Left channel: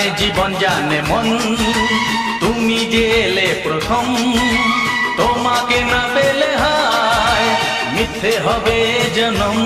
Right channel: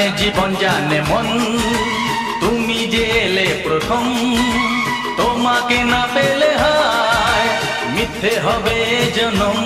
জানে জীবন জানে মন, তুমি যে এলে প্রথম, তোমাকে না পেলে হায় মিথ্যে হবে জনম।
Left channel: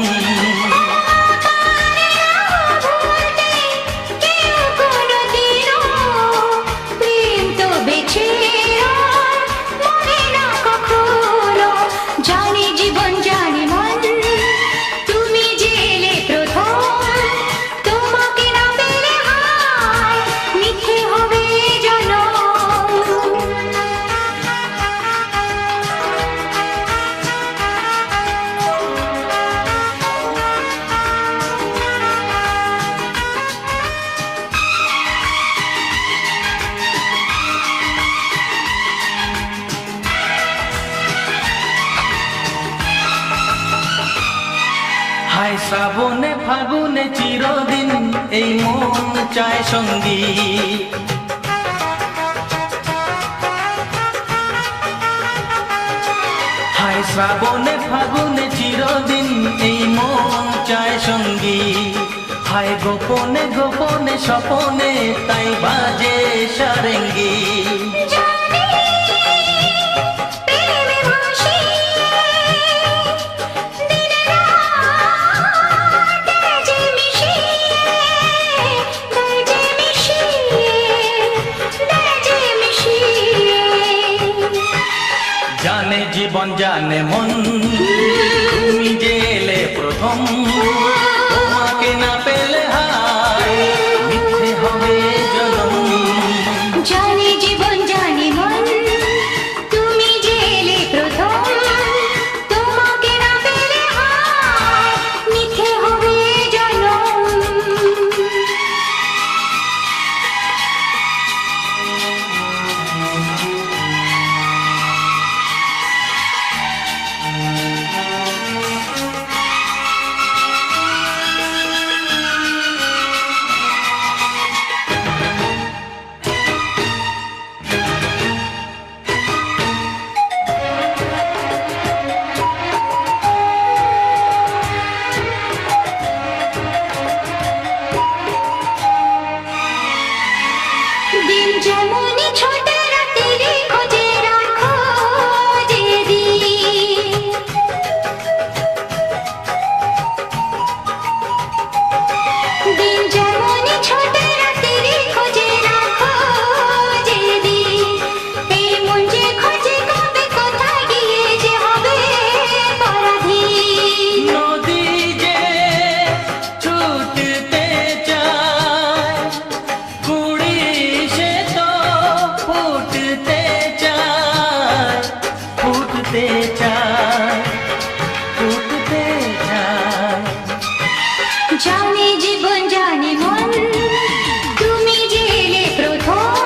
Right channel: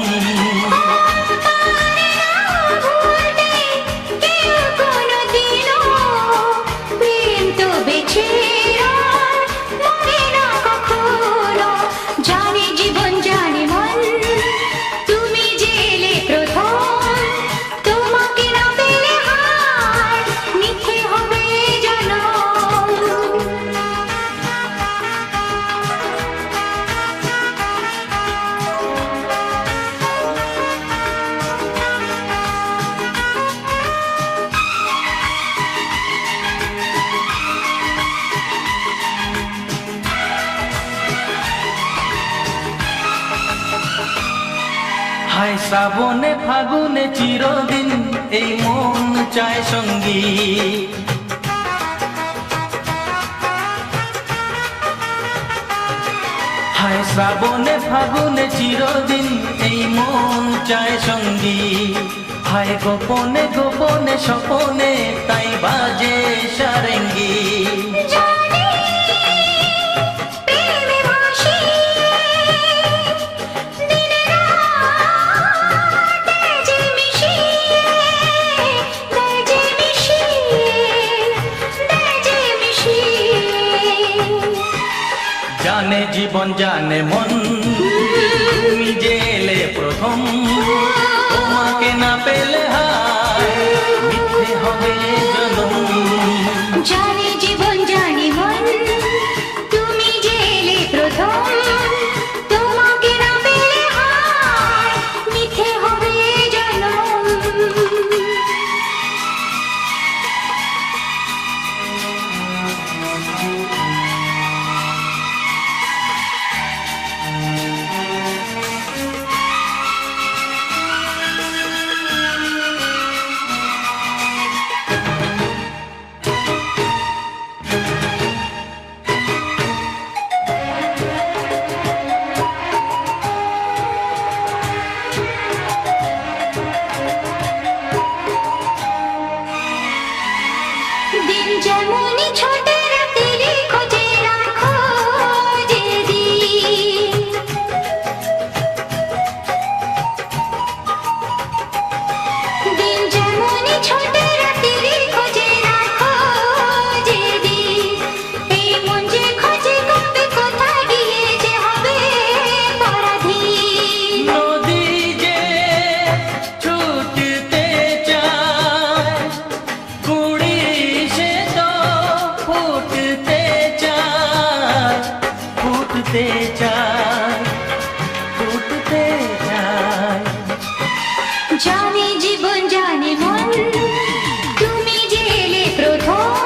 হায় শ্রাবণে ফাগুনে চিরদিন এই মন চায় সঙ্গী, হায় শ্রাবণে ফাগুনে চিরদিন এই মন চায় সঙ্গী। হায় গোপনে গোপনে স্বপনে তাই বাজে সারেঙ্গি। জানে জীবন জানে মন, তুমি যে এলে প্রথম, তোমাকে না পেলে হায় মিথ্যে হবে জনম। জানে জীবন জানে মন, তুমি যে এলে প্রথম, তোমাকে না পেলে হায় মিথ্যে হবে জনম। দিন যেমনই ছোটে রাতের খোঁজে রাখো যেদিন, দিন যেমনই ছোটে রাতের খোঁজে রাখো যেদিন, এই মন যে খোঁজে কবে কোথায় গিয়ে যে হবে পরাধীন। নদী যে ছুটতে চায়, কুড়ি সে তো ফুটতে চায়, ফুটতে চায়, ফুটতে চায়। জানে জীবন জানে মন, তুমি যে এলে প্রথম,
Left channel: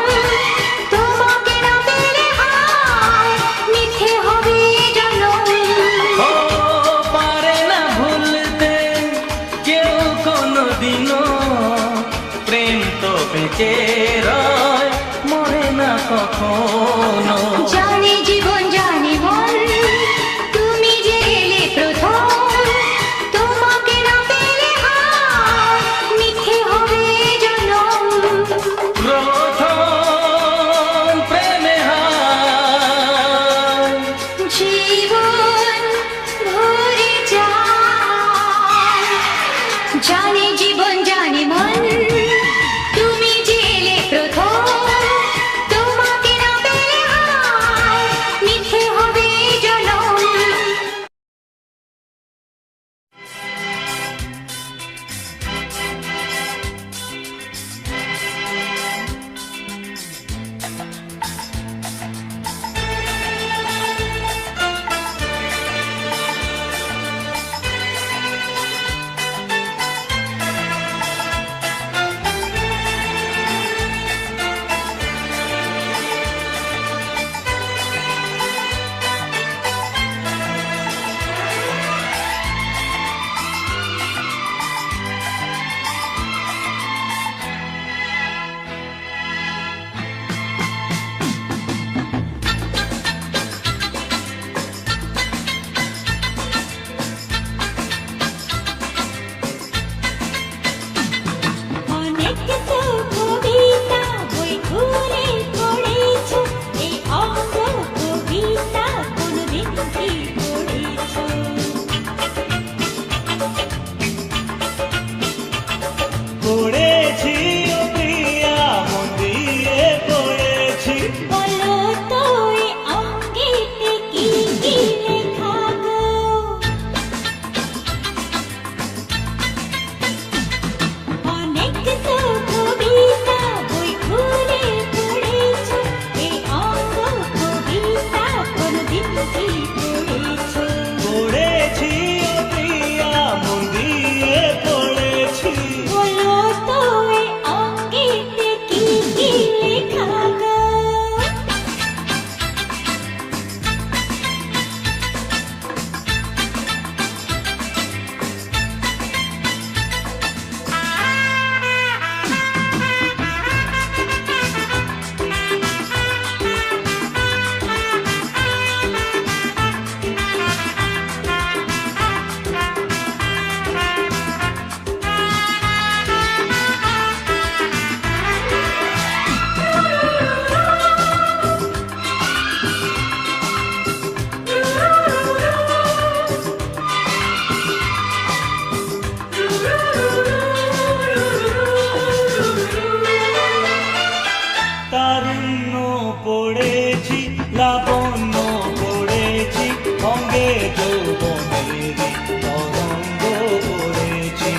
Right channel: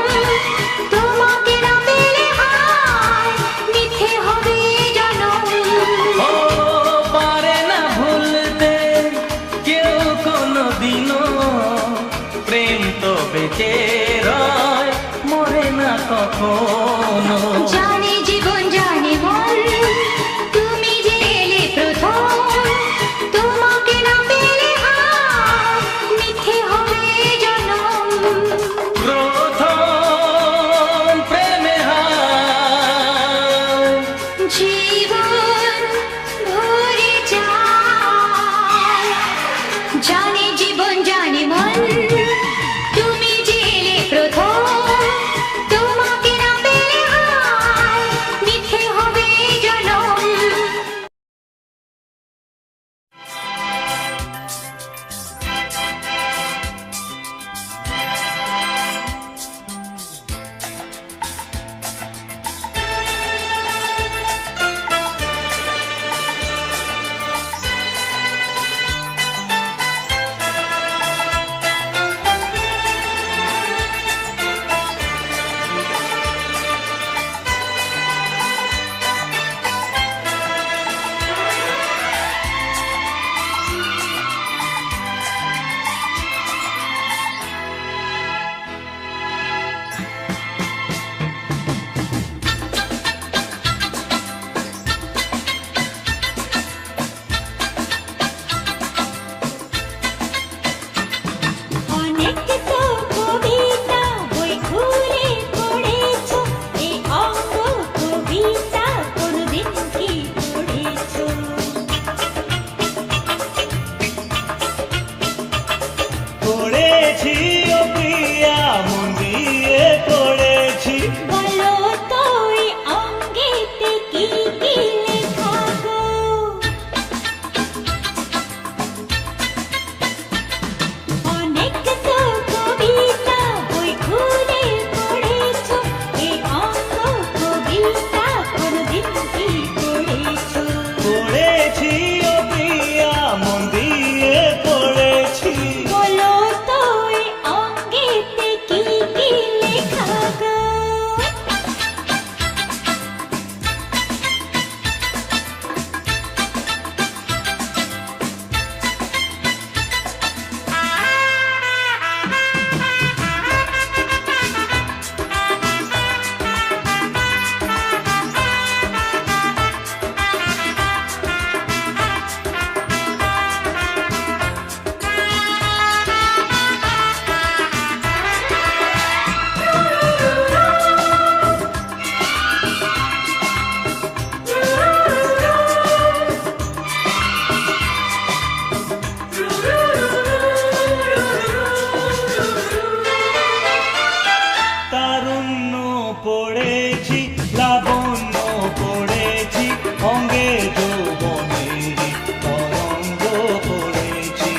তোমাকে না পেলে হায় মিথ্যে হবে জনম। ও পারে না ভুলতে কেউ কোনো দিনও, প্রেম তো বেঁচে রয় মরে না কখনো। জানে জীবন জানে মন, তুমি যে এলে প্রথম, তোমাকে না পেলে হায় মিথ্যে হবে জনম। প্রথম প্রেমে হায় জীবন ভরে যায়। জানে জীবন জানে মন, তুমি যে এলে প্রথম, তোমাকে না পেলে হায় পড়েছি লাবণ্য পড়েছি অঙ্গে যৌবনেরই তরঙ্গ পড়েছি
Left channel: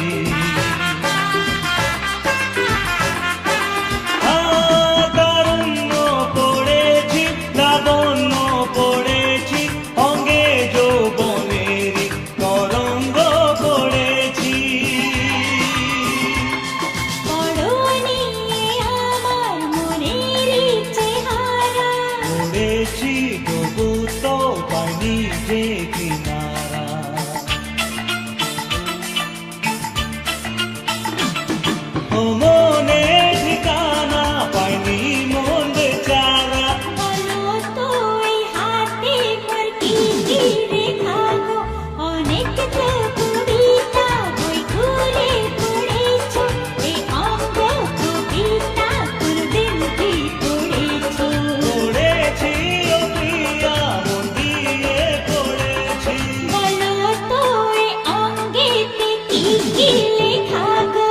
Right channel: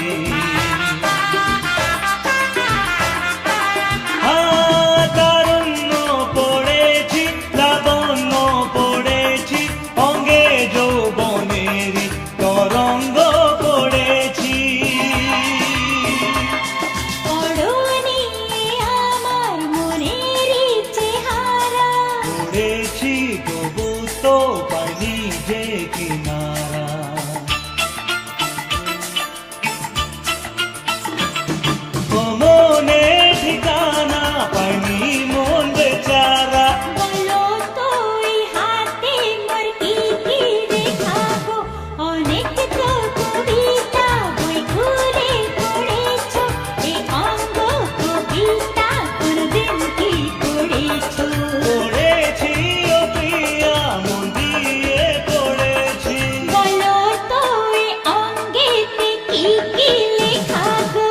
তারুণ্য পড়েছি লাবণ্য পড়েছি অঙ্গে যৌবনেরই তরঙ্গ পড়েছি পড়নি আমার মনের চেহারা পড়েছি তবু তো পাইনি যে কিনারা ও মনে ঠিকানা পাইনি মন বেচারা বলো তো এই হাতে মোর কি কি রেখা গো অনেক তো কবিতা বই ঘুরে পড়েছো এই অঙ্গ কবিতা কোনদিন কি পড়েছো পড়েছি ও প্রিয়া মন দিয়ে পড়েছি বলো তো এই অঙ্গেতে কি কি লেখা গো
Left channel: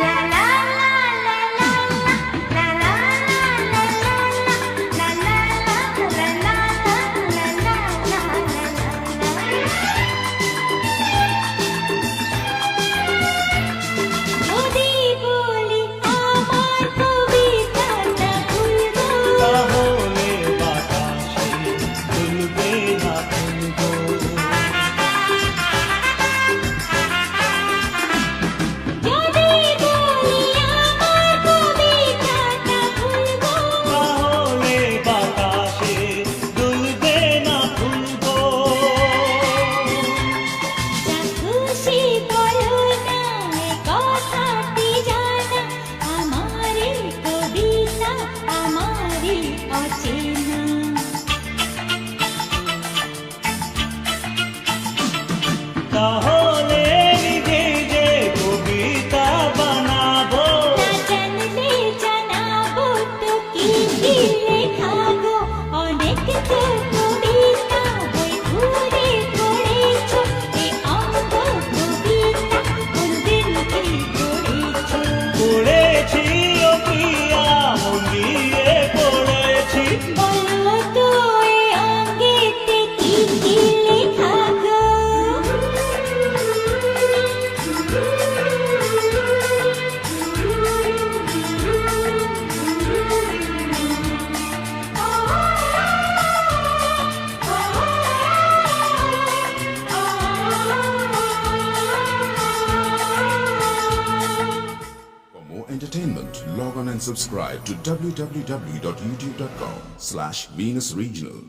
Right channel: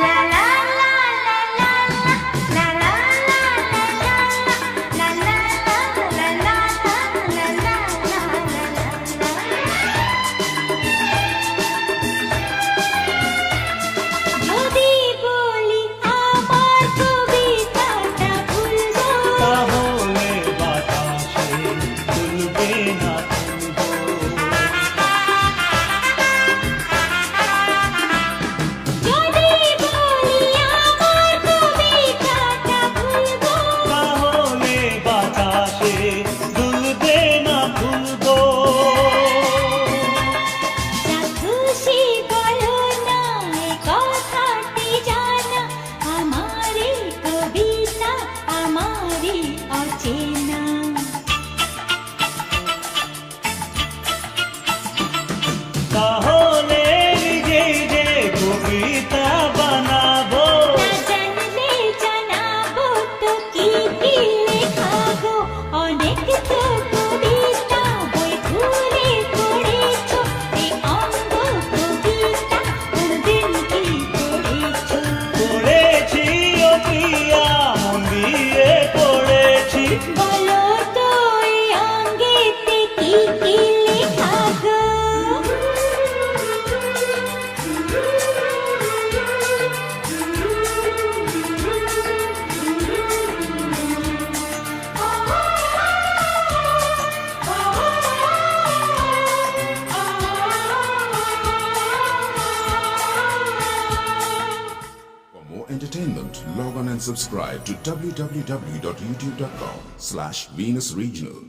লা লা লা লা লা লা লা লা লা লা যদি বলি আমার কবিতাটা ভুলবো তাহলে বাতাসে তুলবে না ফুলবো যদি বলি আমার কবিতাটা ভুলবো তাহলে বাতাসে দুলবে না ফুলবো যা খুশি বলো না এ কথাটি জানা আমারই কবিতা আমারই অচেনা তাহলে নিজেই যে কবিতা বানাবো না জানলে জানাবো তো কি কি লেখা গো অনেক তো কবিতা বই ঘুরে পড়েছো এই অঙ্গ কবিতা কোনদিন কি পড়েছো পড়েছি ও প্রিয়া মন দিয়ে পড়েছি বলো তো এই অঙ্গেতে কি কি লেখা গো For more entertainment, log on and subscribe to www.youtube.com/Venus Regional.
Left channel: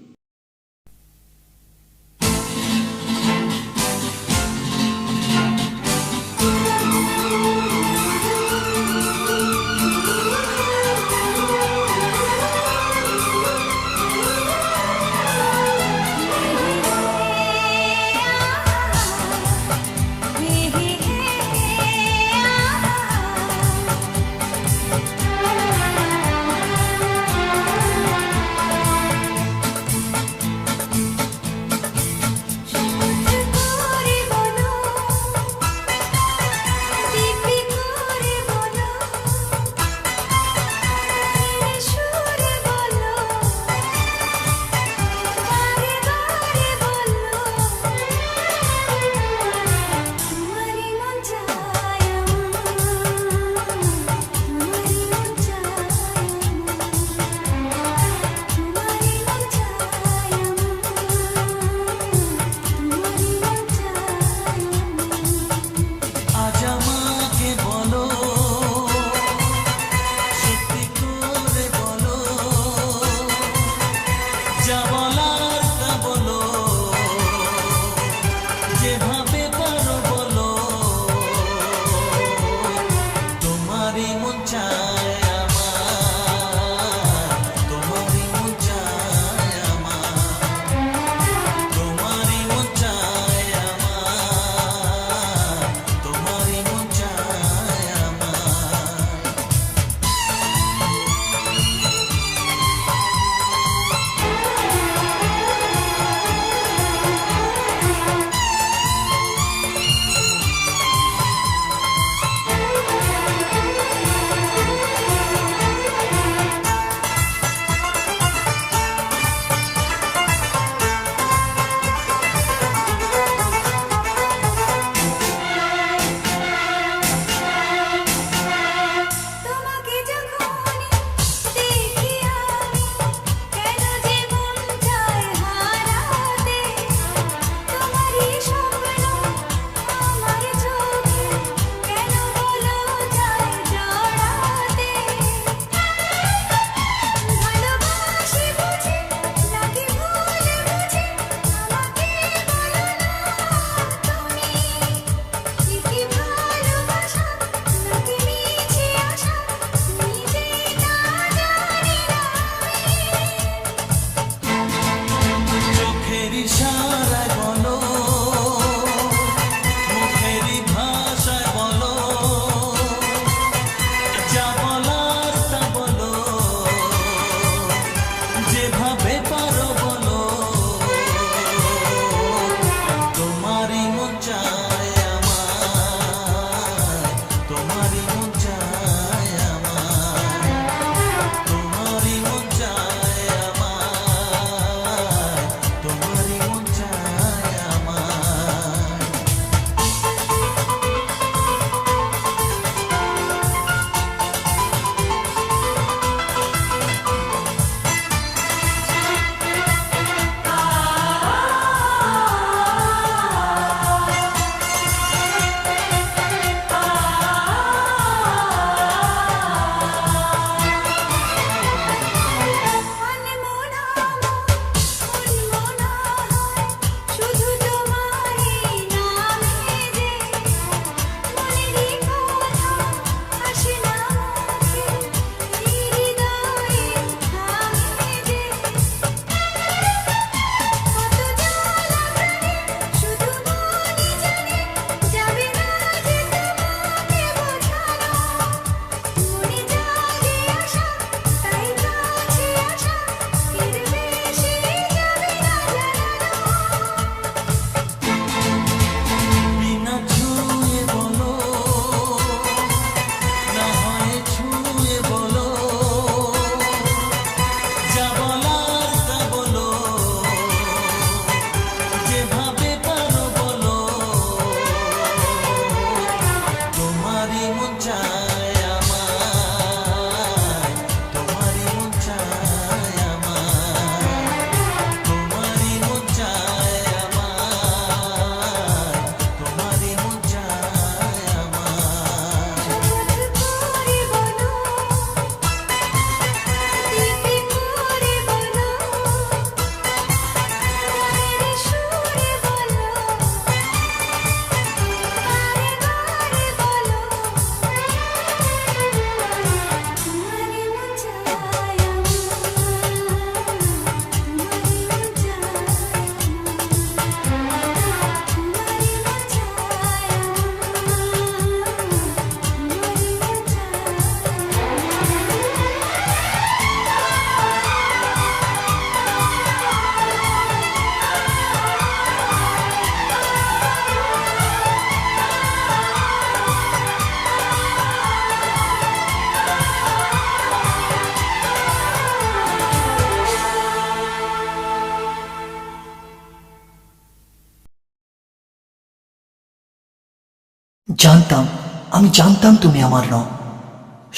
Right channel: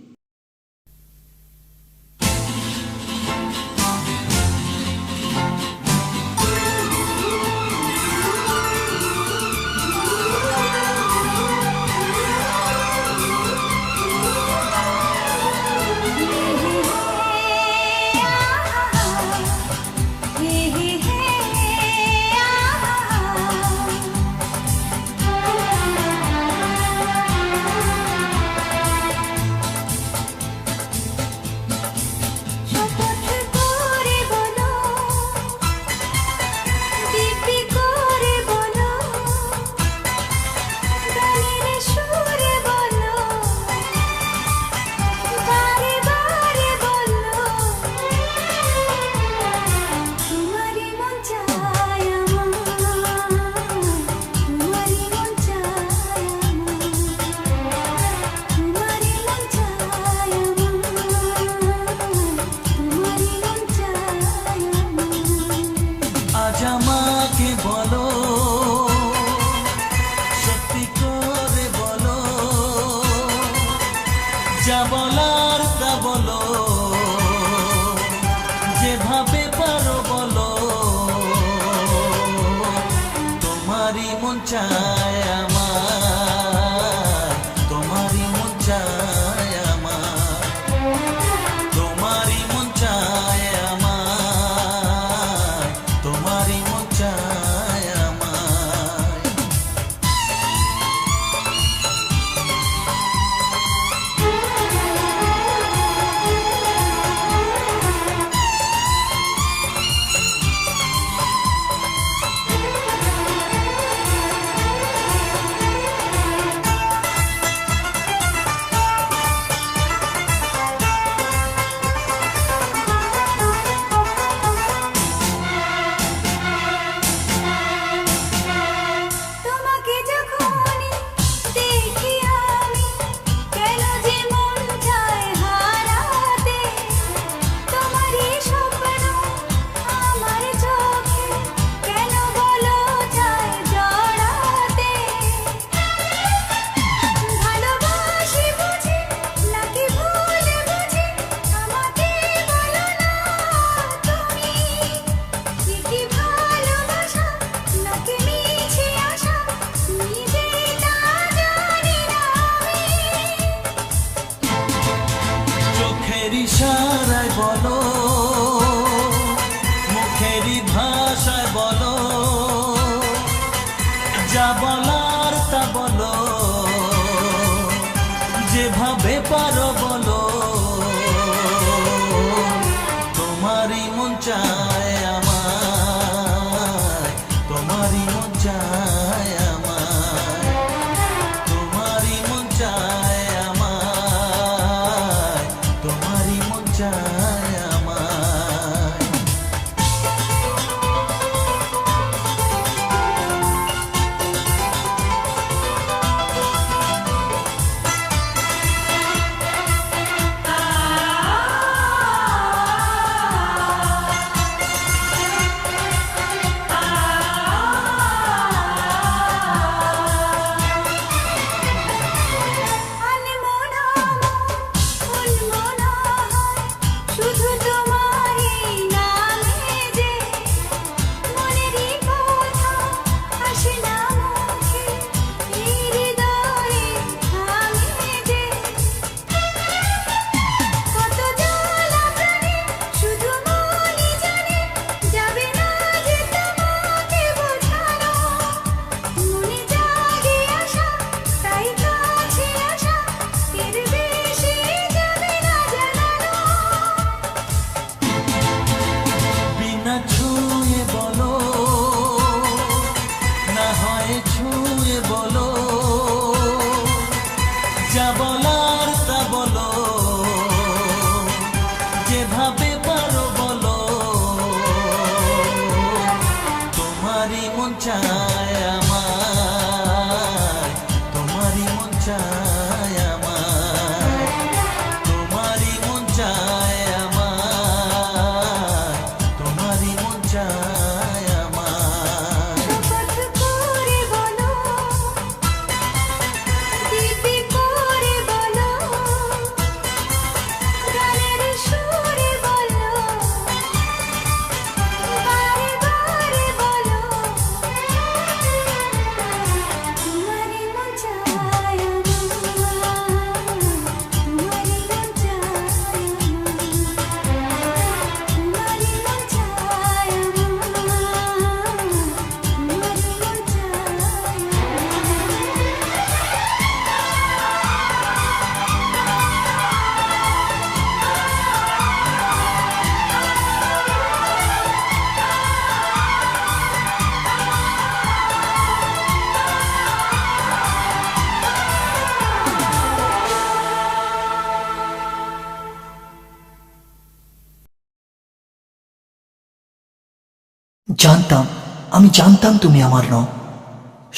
আমি জানতাম তুমি আমার নও,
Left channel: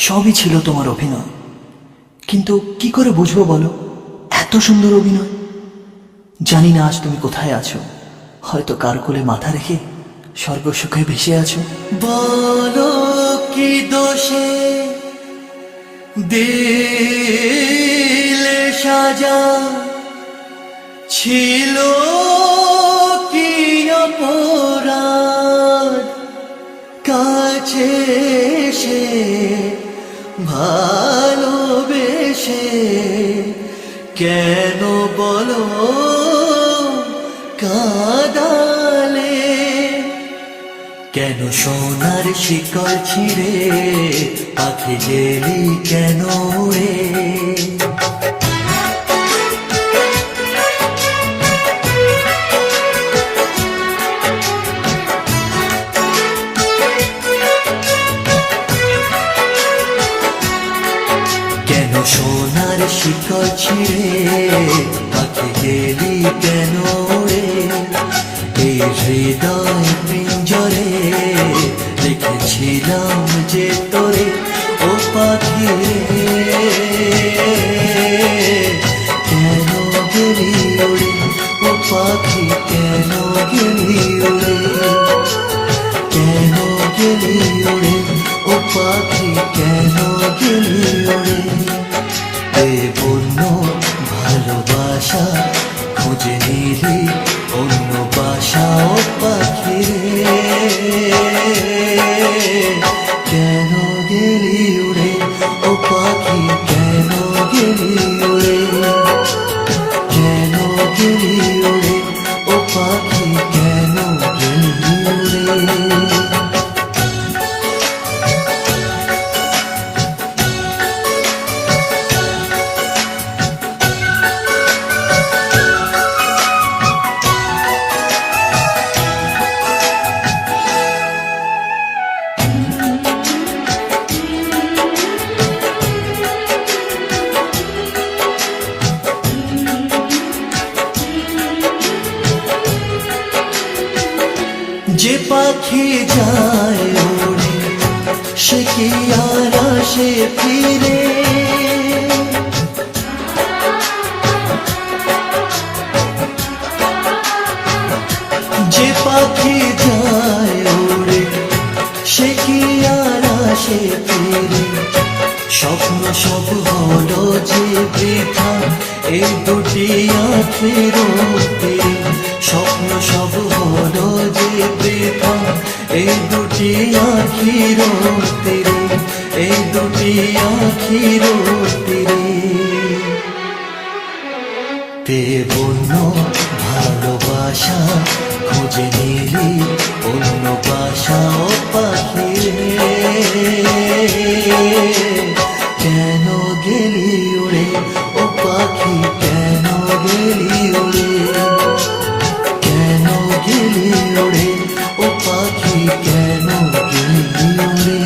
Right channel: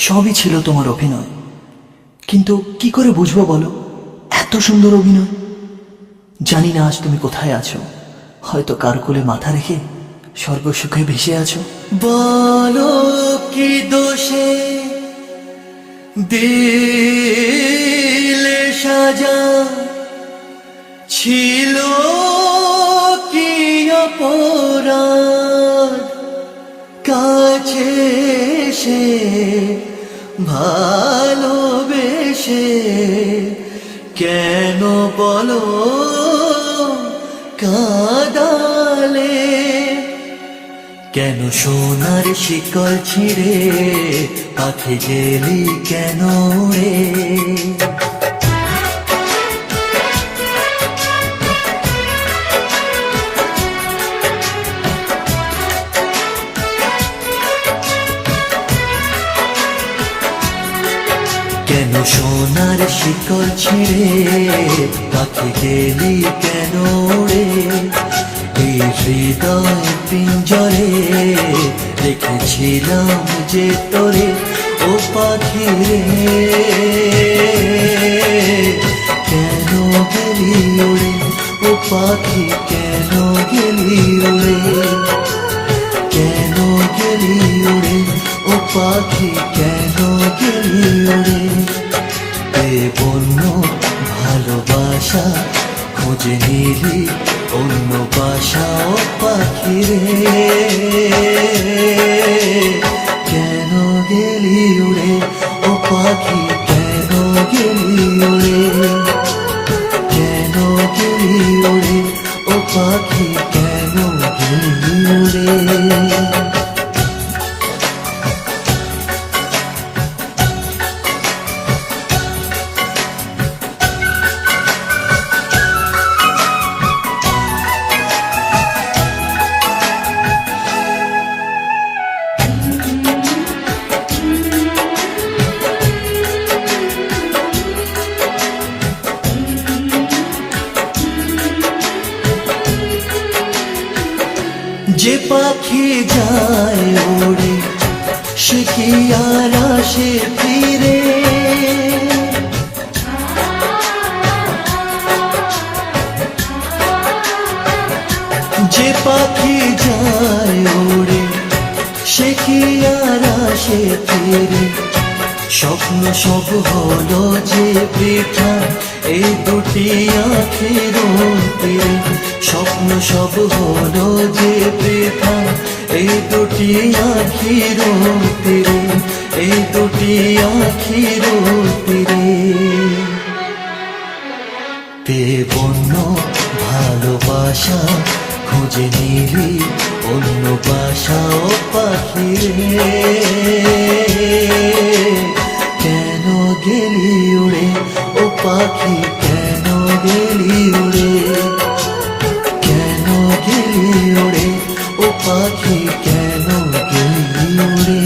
সবই ছিল তোমার অভিনয়। কিন্তু কি করে বুঝবো বলো এত সুন্দর অভিনয়? জানি না আজ তুমি কোথায় আছো, হয়তো কার কোলে মাথা রেখে স্বর্গসুখে ভেসে আছো। বলো কি দোষে দিলে সাজা, ছিল কি অপরাধ কাছে সে ভালোবেসে, কেন বলো কাঁদালে? কেন সোনার শিকল ছিঁড়ে পাখি গেলি কেন উড়ে? কেন সোনার শিকল ছিঁড়ে পাখি গেলি কেন উড়ে? এই হৃদয় পিঞ্জরে রেখেছিলাম যে তোরে, ও পাখি রে কেন গেলি উড়ে? ও পাখি কেন গেলি উড়ে? কেন গেলি উড়ে? ও পাখি কেন গেলি উড়ে? বন্য ভালোবাসা খুঁজে নিলি অন্য বাসা, ও পাখি রে কেন গেলি উড়ে? ও পাখি কেন গেলি উড়ে? কেন গেলি উড়ে? ও পাখি কেন গেলি উড়ে? যে পাখি যায় ওড়ে সে কি আর আসে ফিরে? যে পাখি যায় ওড়ে সে কি আর আসে ফিরে? স্বপ্ন সব হলো যে বৃথা এই দুটি আঁখের তীরে। স্বপ্ন সব হলো যে বৃথা এই দুটি আঁখির তীরে, এই দুটি আঁখির তীরে। বন্য ভালোবাসা খুঁজে নিলি অন্য বাসা, ও পাখি রে কেন গেলি উড়ে? ও পাখি কেন গেলি উড়ে? কেন গেলি উড়ে? ও পাখি কেন গেলি উড়ে?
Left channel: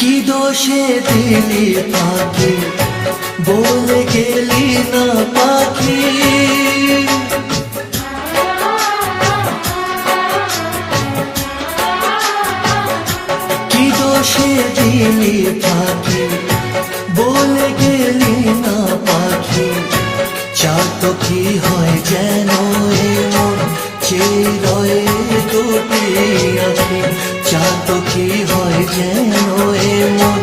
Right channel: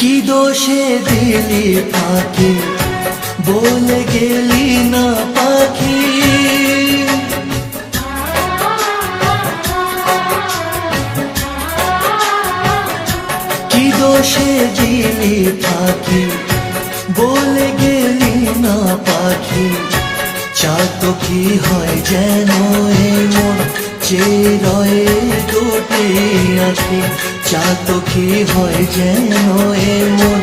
কি দোষে দিলি ফাঁকি বলে গেলি না পাখি? কি দোষে দিলি ফাঁকি বলে গেলি না পাখি? চাতো কি হয় যেন এমন চেরয়ে দুটি আঁখি? চাতো কি হয় যেন এমন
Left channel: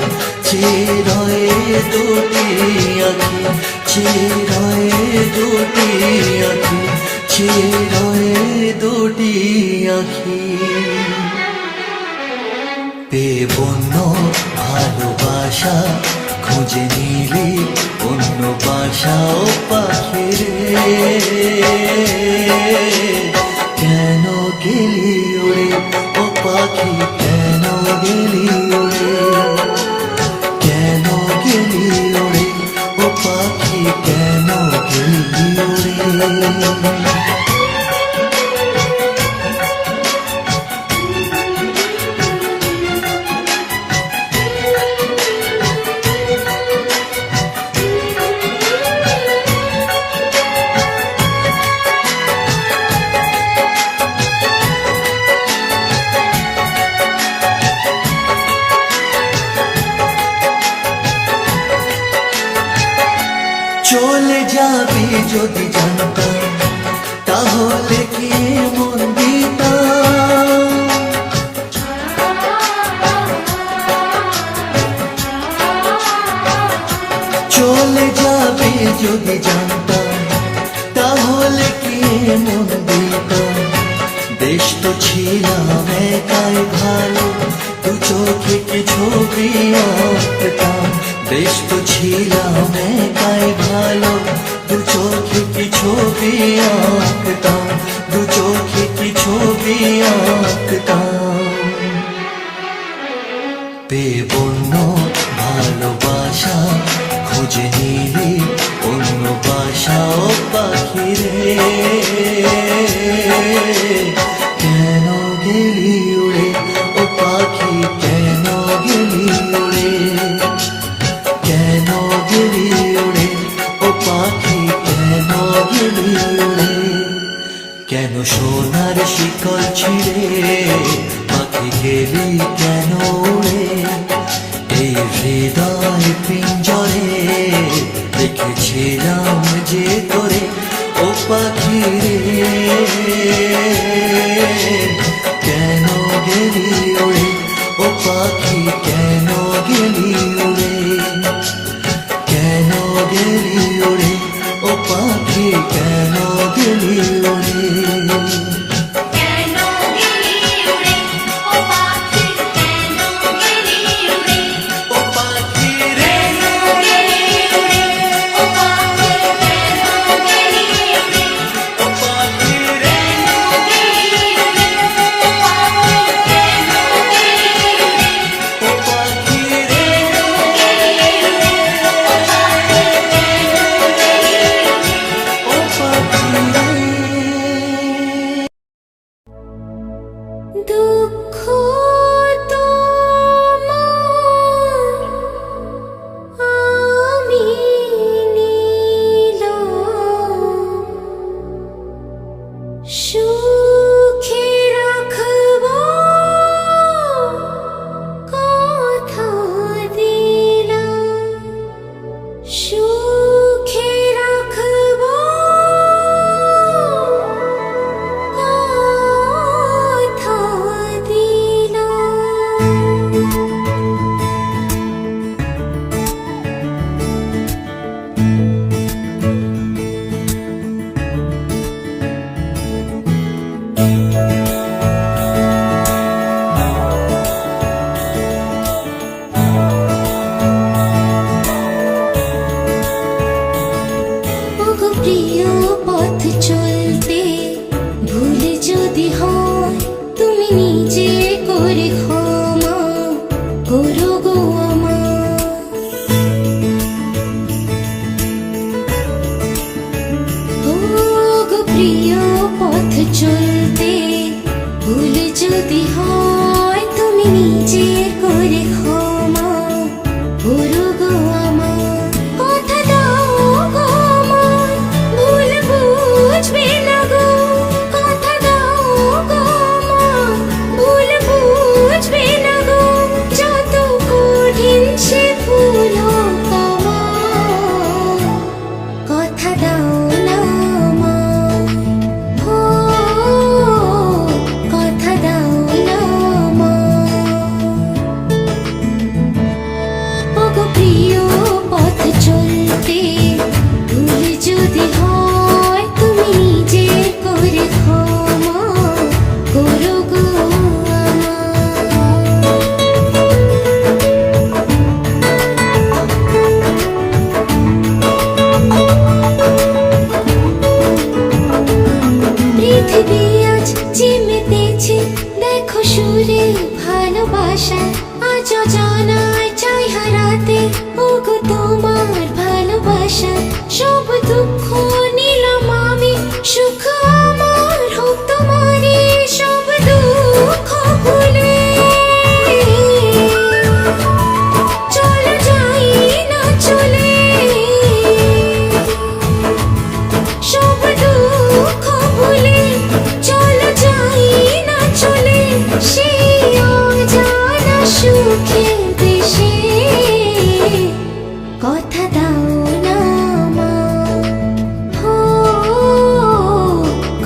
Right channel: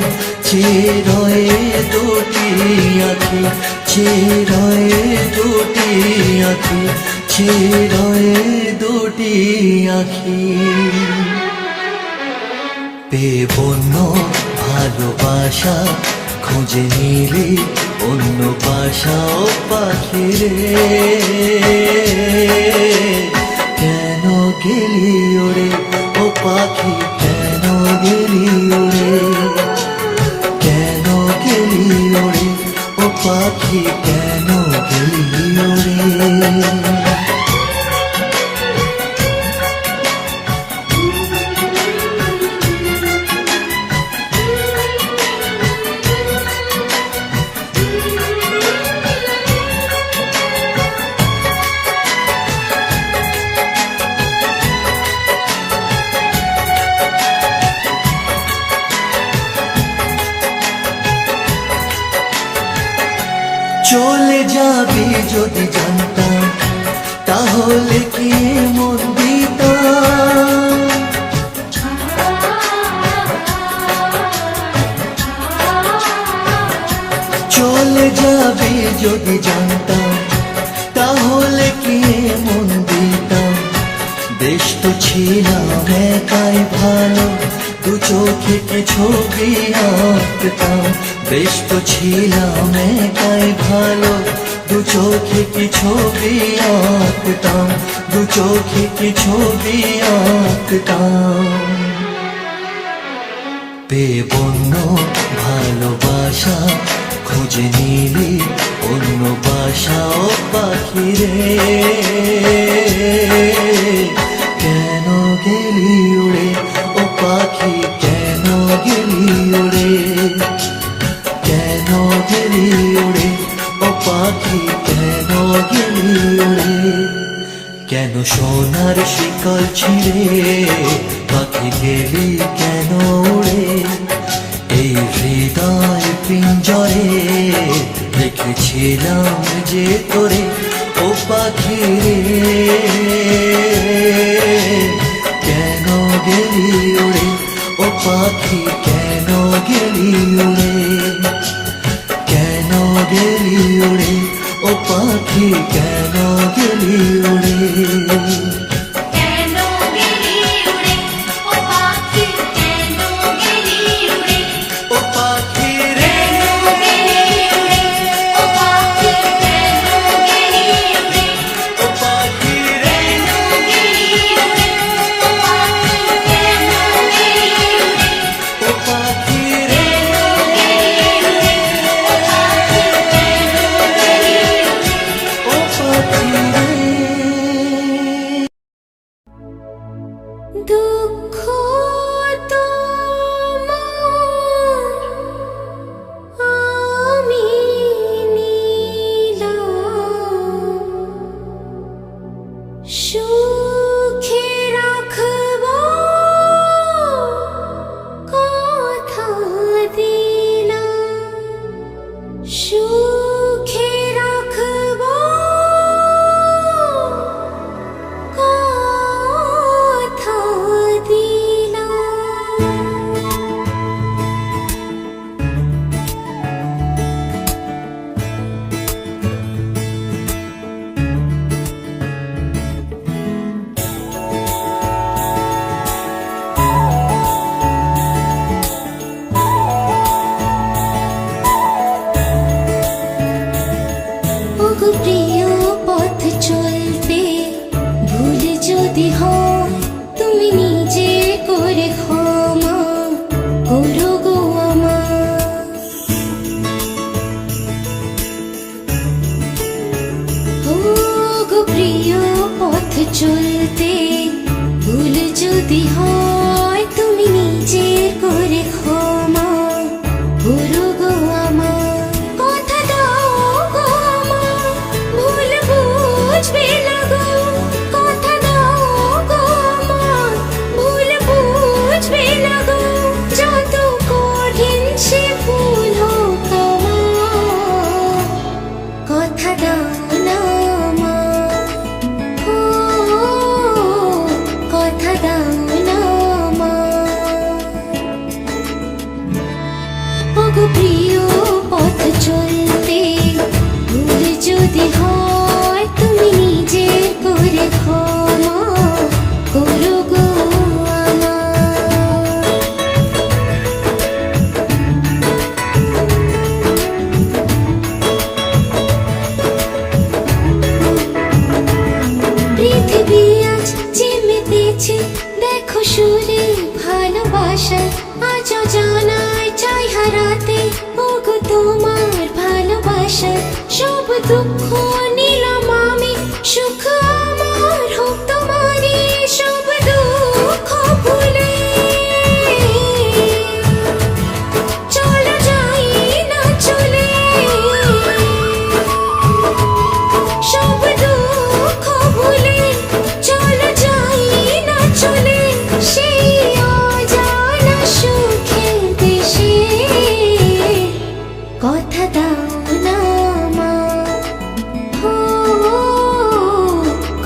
চেরয়ে দুটি আঁখি? চেরয়ে দুটি আঁখি, চেরয়ে দুটি আঁখি। বন্য ভালোবাসা খুঁজে নিলি অন্য বাসাও পাখি রে, কেন গেলি ওরে ও পাখি, কেন গেলি ওরে, কেন গেলি ওরে ও পাখি, কেন গেলি ওরে। চলে যাবি যদি জানতাম, তাহলে কি মন দিতাম। চলে যাবি যদি জানতাম, তাহলে কি মন দিতাম। বেশ তো ছিলাম একাই ভালো, দু চোখে কি ছবি আঁকতাম। বেশ তো ছিলাম একাই ভালো, দু চোখে কি ছবি আঁকতাম, দু চোখে কি ছবি আঁকতাম। বেবন্য ভালোবাসা খুঁজে নিলি অন্য বাসাও পাখি রে, কেন গেলি উড়ে ও পাখি, কেন গেলি উড়ে, কেন গেলি উড়ে ও পাখি, কেন গেলি উড়ে। কেন সোনার শিকল ছিঁড়ে পাখি গেলি কেন উড়ে। এই হৃদয় পিঞ্জরে রেখেছিলাম যে তোরে ও পাখি রে, কেন গেলি উড়ে ও পাখি, কেন গেলি উড়ে, কেন গেলি উড়ে ও পাখি, কেন গেলি উড়ে। কেন গেলি উড়ে ও পাখি, কেন গেলি উড়ে, ও পাখি রে, কেন গেলি উড়ে ও পাখি, কেন গেলি উড়ে, ও পাখি রে, কেন গেলি উড়ে ও পাখি, কেন গেলি উড়ে, ও পাখি রে, ও পাখি রে। দুঃখ তোমার আমি নিলাম, সুখে রাখব কথা দিলাম, সুখে রাখব কথা দিলাম। ওগো প্রিয় পথ চলতে ভুল যদি হয়, তুমি নিজে করে ক্ষমা করো গো আমার। ওগো প্রিয় পথ চলতে ভুল যদি হয়, তুমি নিজের করে ক্ষমা করো গো আমার। কথা দাও গো আমার, ভুল বুঝবে না গো। কথা দাও গো আমার, ভুল বুঝবে না গো। যত কঠিন সে ভুল হোক আমার, কথা দাও না আমার, ও কথা দাও না আমার। অবসাদ সব দুঃখ নিলাম আমি সুখ আমার হোক তোমারই সব দুঃখ ভুলে চলো যাই না চলে সব দুঃখ ভুলে চলো যাই না চলে সেই অজানা সুখের দেশে কথা দাও না মা হো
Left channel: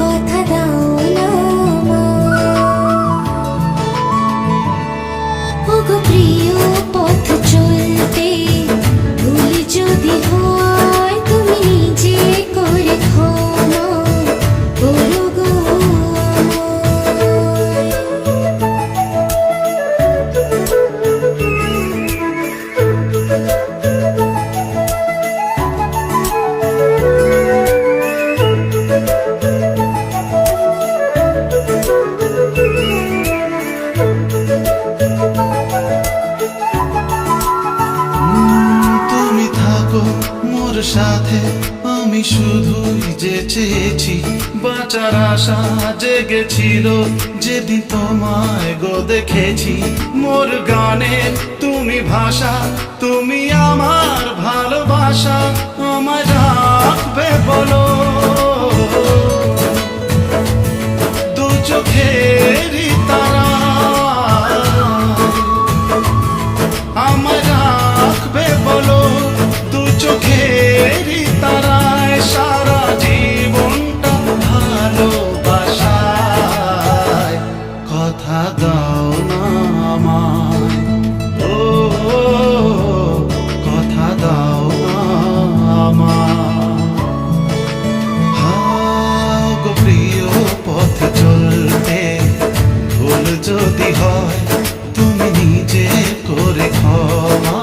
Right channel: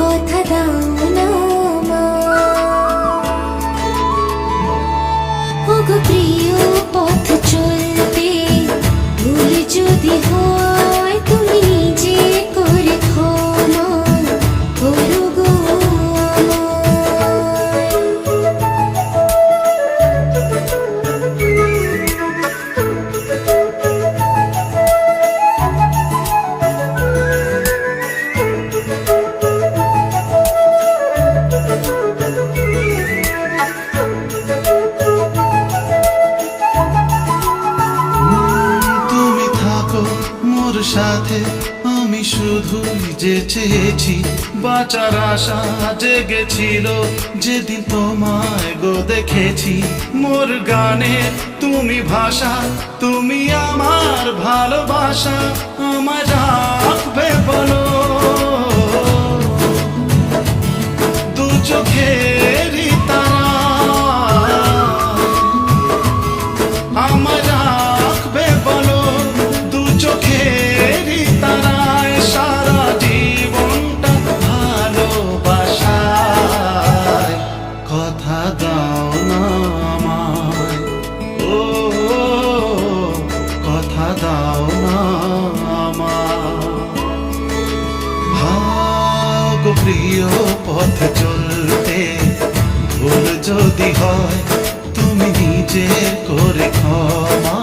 কথা দাও না মা ওগো প্রিয় পথ চলতে ভুল যদি হয় তুমি নিজে করে ক্ষমা করো গো তুমি থাকো মোর সাথে আমি শুধুই যে চেয়েছি বাঁচার আশা জেগেছিল যেদিন তোমায় গো দেখেছি মোর গানের তুমি ভাষা তুমি আমার ভালোবাসা আমায় রাখবে বলো দু চোখেরই তারা আমায় রাখবে বলো দু চোখেরই তারায় সারা জীবনটা ভালোবাসায় কথা দাও না আমায় ও কথা দাও না আমায় হাও গো প্রিয় পথ চলতে ভুল যদি হয় তুমি নিজের করে ক্ষমা